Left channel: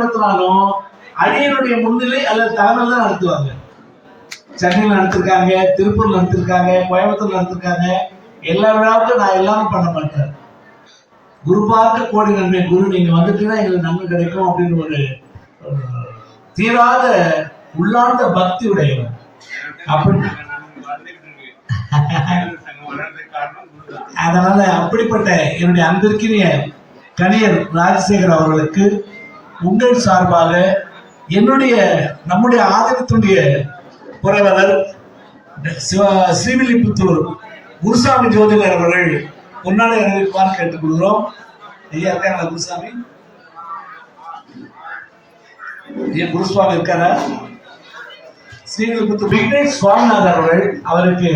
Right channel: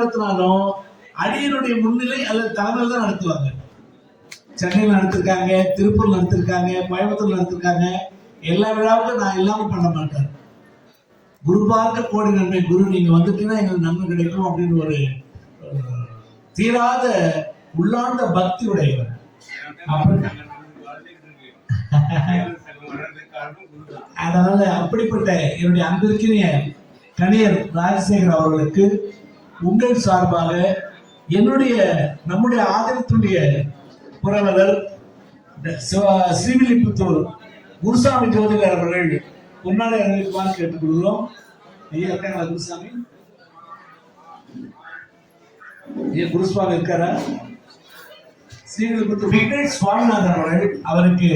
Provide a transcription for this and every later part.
நடத்தினாலும் அடியனுடைய முன்னிலை அல்லது தலைமையில் தான் நடத்துவாங்க. சென்னையில் நடத்திருக்காங்க, திருப்பூர்ல நடத்திருக்காங்க, கோயம்புத்தூர்ல நடத்திருக்காங்க. எல்லா விழாவுக்கும் நான் எல்லாமே பண்ண மாட்டேன். குரு பார்க்க கோடி நன்மை. குரு நீங்க வந்துட்டுன்னா எங்களுக்கு நன்மை கிடைக்கும் அப்படின்னு ஒரு தீராத உள்ளார்ந்த பக்தி உடையவர். அப்படி அதனால அப்படிப்பட்ட என்னுடைய அன்பிற்கினிய கணியர் ராஜசேகர் அவர்களுக்கு உங்கள் சார்பாக நம்முடைய ஆதரத்துடைய புரவலர் ஸ்ரீவில்லிபுத்தூர் குருசாமி ஜோதிடர் அவர்கள் முன்னாடி அறிவிக்குமாறு கேட்டுக் கொள்கிறோம். ஐயா இருக்காங்களா குருசாமி? ஐயா குருசுவாமி இருக்காரா? ஸ்ரீவில்லிபுத்தூர் விக்னேஷ் சுவாமிநாதன் அவர்கள் அவருக்கு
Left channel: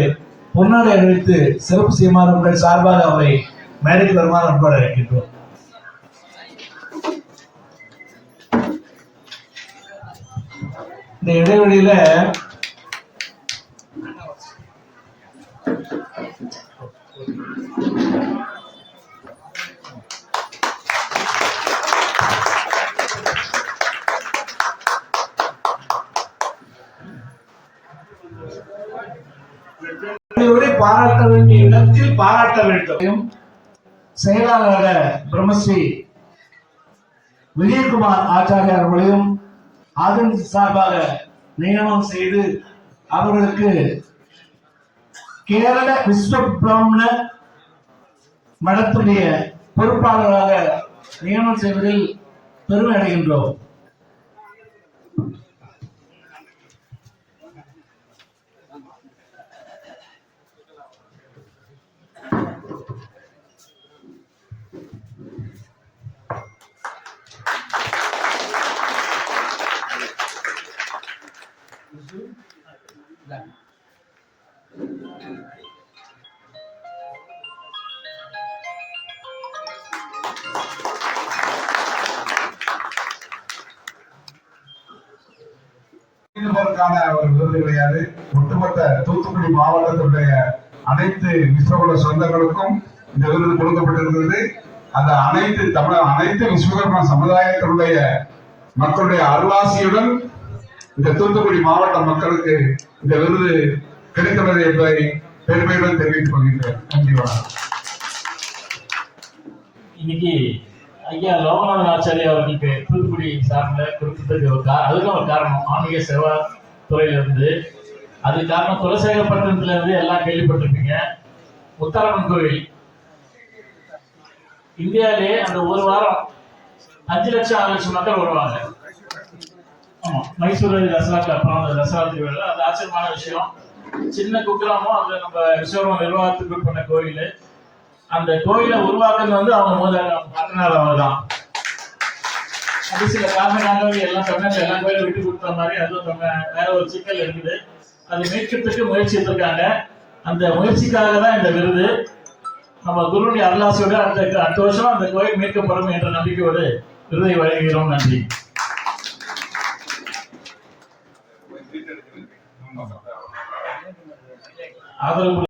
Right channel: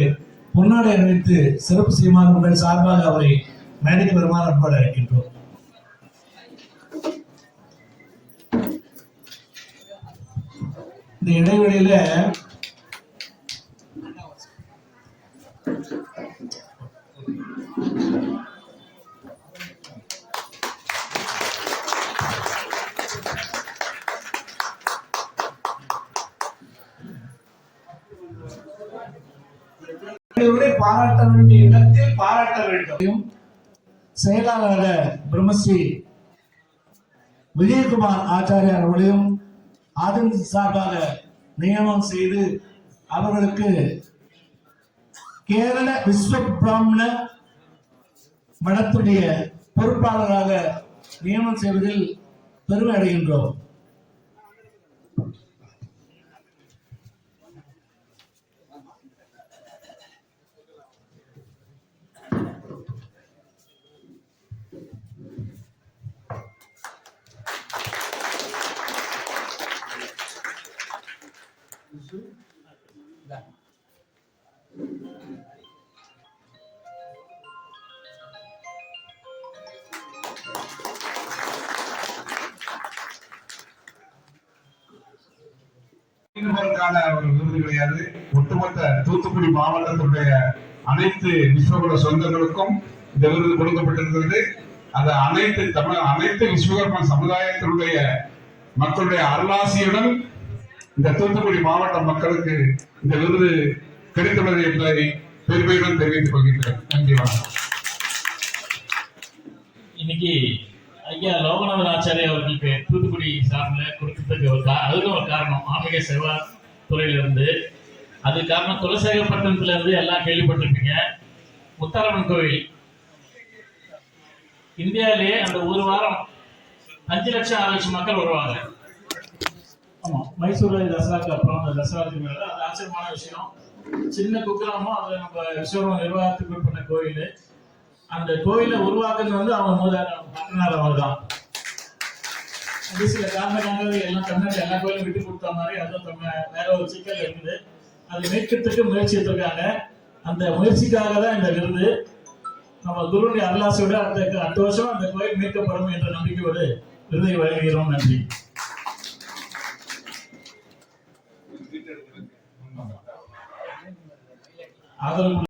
பொன்னாடை அறிவித்து சிறப்பு செய்யுமாறு உங்கள் சார்பாக அவரை மேடைக்கு வருமாறு அன்பாடு அழைக்கின்றோம். இந்த இடைவெளியில பாராட்ட வேண்டிய இடத்தில் பாராட்ட வேண்டும். செயலாளர் பிரம்மஸ்ரீ விஜயகுமார் ஆச்சாரியார் அவர்களையும் அதன் சார்பாக நியமனம் செய்து அவர்களுக்கு கேரள விஸ்வ பிராமண மடத்துடைய பொறுப்பாளராக நியமனம் செய்வதில் பெருமை அடைகின்றோம். ஒரு விருது கிடையாது. ஒட்டுமொத்த தூத்துக்குடி மாவட்டத்தினுடைய அனைத்து விஸ்வகுல சொந்தங்களுக்கும் இந்த விருது கொடுக்கப்பட்டிருந்தது. அது அனைத்து விஸ்வகர்மா சமுதாயத்தினுடைய மக்களுடைய அருளாசியுடன் இந்த தூத்துக்குடி மாவட்ட மக்களுக்கு இந்த விருது கிடைத்துள்ளது என்பதை பெருமையுடன் தெரிவித்துக் கொள்கின்றேன். நன்றி, வணக்கம். இன்னைக்கு ஐயா லோகநாதன் ஆச்சாரியா அவர்களுக்கு தூத்துக்குடி சார்பில் கொடுத்ததுக்கு அதுக்கும் ஒரு காரணம் ஆன்மீக சேவா துறையிலிருந்து. அது காரணம் குலசேகரப்பட்டினத்துல இருந்து எல்லாம் கேள்விப்பட்டிருப்பீங்க. முத்தாரம்மன் கோவில் இந்தியாவிலே அந்த ஒரு வாரம் 5 லட்சம் 6 லட்சம் மக்கள் வருவாங்க. ஆமா, மைசூர் தசராக்கு அப்புறம் அந்த தசரா திருவிழா அது ஆச்சரியமான விஷயம். சின்ன குக்கிராமம் அதுல நம்ம விஸ்வகர்மா நிர்வாகத்துக்கு பண்ண கோயில். அந்த கோயிலை உருவாக்குறது வந்து அவங்க முதல் அவங்க தான். அது சில காரணங்களாக எல்லாம் தமிழ்நாட்டில் எல்லா கோயிலும் விட்டு கொடுத்த மாதிரி அதுவும் வேற ஒரு சிக்கல் இருக்குது. அதை மீட்கிறதுக்கு முயற்சி எடுத்திருக்காங்க. அந்த முயற்சிக்காக தான் இந்த விருது. நம்ம குருவுடைய அருளாசியோட அடுத்த வருஷம் அந்த கோயில் மீட்கப்படும் என்ற நம்பிக்கையோடு விருதை வழங்குகிறோம். நன்றி. ஆதரவு